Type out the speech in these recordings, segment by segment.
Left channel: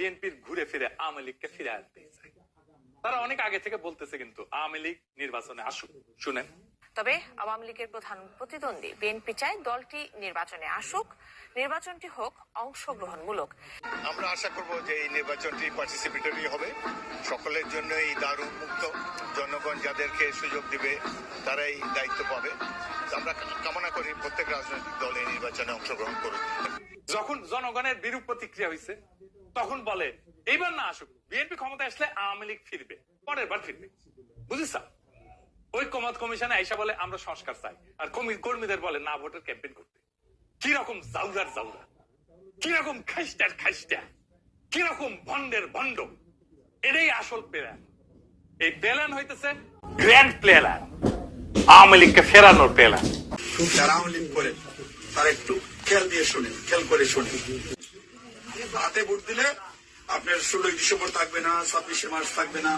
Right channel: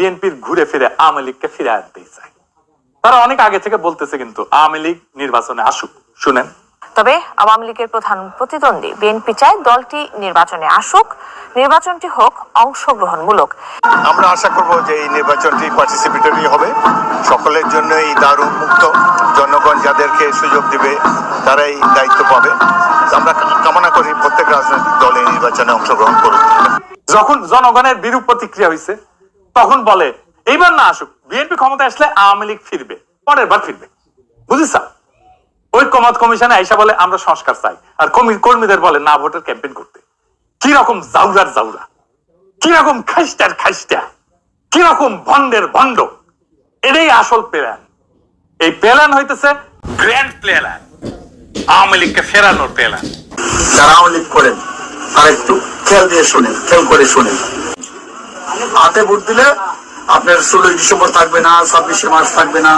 বিএনপির ঘুরে ফিরে আওয়ামী লীগকে ফিরে আনতে চায়। তারা অনেক আগে থেকে বলতেছে কিন্তু আওয়ামী লীগ নির্বাচনে আসুক। শুনেন, তবে আওয়ামী লীগের প্রধান প্রতিদ্বন্দ্বী বিএনপি চায় দলটি নির্বাচনে আসুক, নির্বাচনটি হোক অংশগ্রহণমূলক। আমরা আশা করব যে এই নির্বাচনটি পার্টিসিপেটরি হবে, সকলের জন্য এই দ্বার উন্মুক্ত, জনগণ যাদেরকে সুযোগ দিবে তারাই দায়িত্ব পাবে। আমরা কামনা করি প্রত্যেক রাজনৈতিক দল এই নির্বাচনে অংশগ্রহণ করুক। যখন জনগণের বিরূপ প্রতিক্রিয়া হয়েছে তখন বলে এইবার না আসুক, বিএনপি ক্ষমতা আসলে আওয়ামী লীগ ফিরবে, পরের বার ফিরবে। বুঝিস? ঐক্যমত কমিশনে আইসা বলে আমরা সংস্কার চাই, আর কর্মীদের বলে না ভোটের ক্যাম্পেইন করতে। কিরকম জাউরার জাউরা, কিরকম খাইস্টার খাইস্টা, কিরকম ভন্ডের ভন্ড। এটাই আসল প্ল্যান। এই প্ল্যান হইতেছে গ্র্যান্ড প্ল্যান, আওয়ামী লীগকে ফেরানোর প্ল্যান। যারা আওয়ামী লীগ করেন তারা একটু খেয়াল দিয়ে শুনেন, খেয়াল করে শুনেন। হাতে ভোট দিলে আপনার 16 ডিসেম্বর থাকবে না, 26শে মার্চ থাকবে না,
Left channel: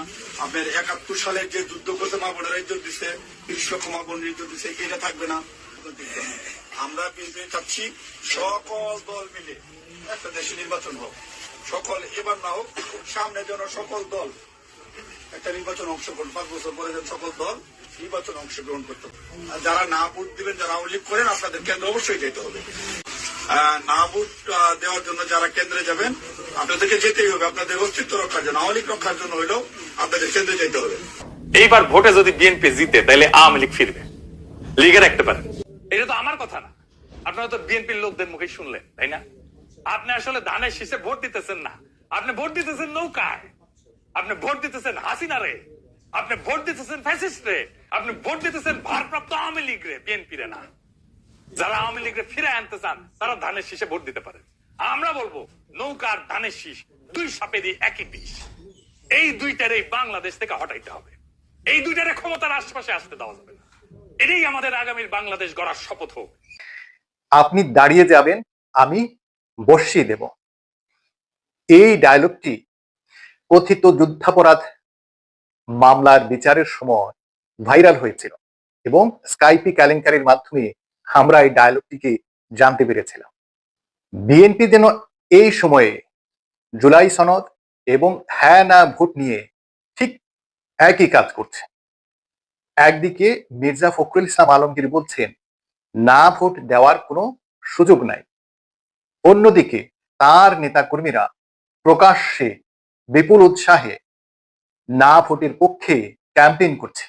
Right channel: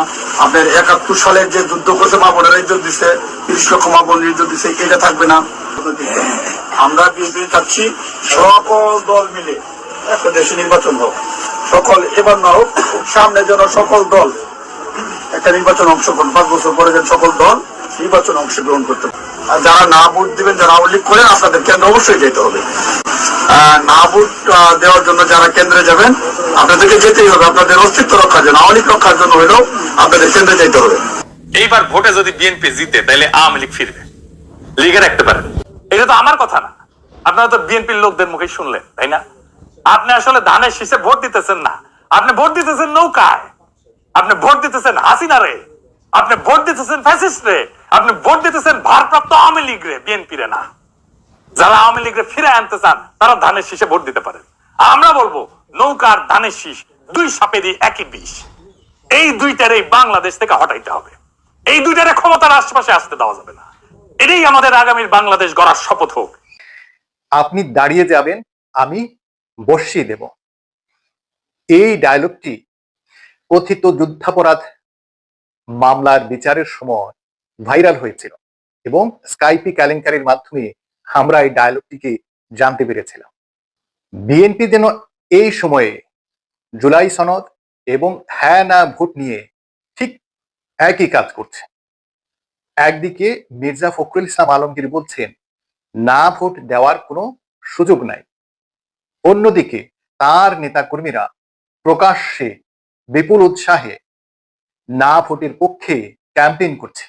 আপনার 71 সালের যে যুদ্ধ করছে মা বোনেরা ইজ্জত দিচ্ছে, 30 লক্ষ মা বোনের ইজ্জত দিচ্ছে, এটা থাকবে না। আমরা বিএনপি চাচ্ছি সকল দল মিলে একটা দেশে নির্বাচন হোক, সকল এবার না হোক, সামনে যেন সকল দল একটা নির্বাচন অংশগ্রহণ, 5 বছর পরে যেন সকল দল নির্বাচন অংশগ্রহণ করতে পারে। আর যারা না ভোট দিবেন, যারা আওয়ামী লীগ করেন, আপনাদের কেন্দ্রে অবশ্যই যেতে হবে। না ভোট দেওয়ার জন্য যারা কেন্দ্রে যাবেন আপনাদেরকে যেতেই হবে, আপনাদের অস্তিত্ব রক্ষার জন্য, আওয়ামী লীগ রক্ষার জন্য হলেও আপনাদের কেন্দ্রে যেতে হবে। এইবার ভোটে যদি বিএনপি জিতে তাহলে আওয়ামী লীগ ফিরবে, লিগে রাখতে পারেন। এটা তো আমার কথা না, আপনারা তো বিএনপির লোকদের মুখে শুনলেন, তাই না? আপনি আসলে ধানের শীষে ভোট দিতেছেন না, আপনি ভোট দিতেছেন নৌকায়, আপনি ভোট দিতেছেন হাসিনা রে, আপনি ভোট দিতেছেন ফ্যাসিস্ট রে, আপনি ভোট দিতেছেন ভারপ্রাপ্ত আওয়ামী লীগ রে, বিএনপি রে না। যারা আওয়ামী লীগরে ফিরে আনতে চান তারা ধানের শীষে ভোট দিতে পারেন। আমরা বলবো নৌকার ধানের শীষ দুই সাপেরই একই বিষ। এই দুইটারে বাংলাদেশ থেকে হটাইতে হবে, এই দুইটারে ক্ষমতার আশেপাশে আসতে দেওয়া যাবে না। এটাই আমাদের আগামীর বাংলাদেশ গড়ার শপথ হোক। আপনি দাঁড়িয়ে যাবেন, আমি বসিয়ে দেব। এই ডায়লগটি কথিত যুদ্ধাপরাধ মামলার বিচারের সময় ভাইরাল হয়েছিল এবং স্কাইপি কেলেঙ্কারির মাধ্যমে আমরা এই ডায়লগটিকে জানতে পেরেছিলাম। বিএনপি যেন এই সময়ে জুলাই সনদ এবং হ্যাঁ না ভোট নিয়ে ঠিক একই কাজ করছে। একদিকে মির্জা ফখরুল ইসলাম আলমগীর বলছেন না ভোট দেওয়ার কোনো সুযোগ নাই, অন্যদিকে তার নেতাকর্মীরা প্রকাশ্যে বিপুল উৎসাহে না ভোটের পক্ষে ক্যাম্পেইন করছে।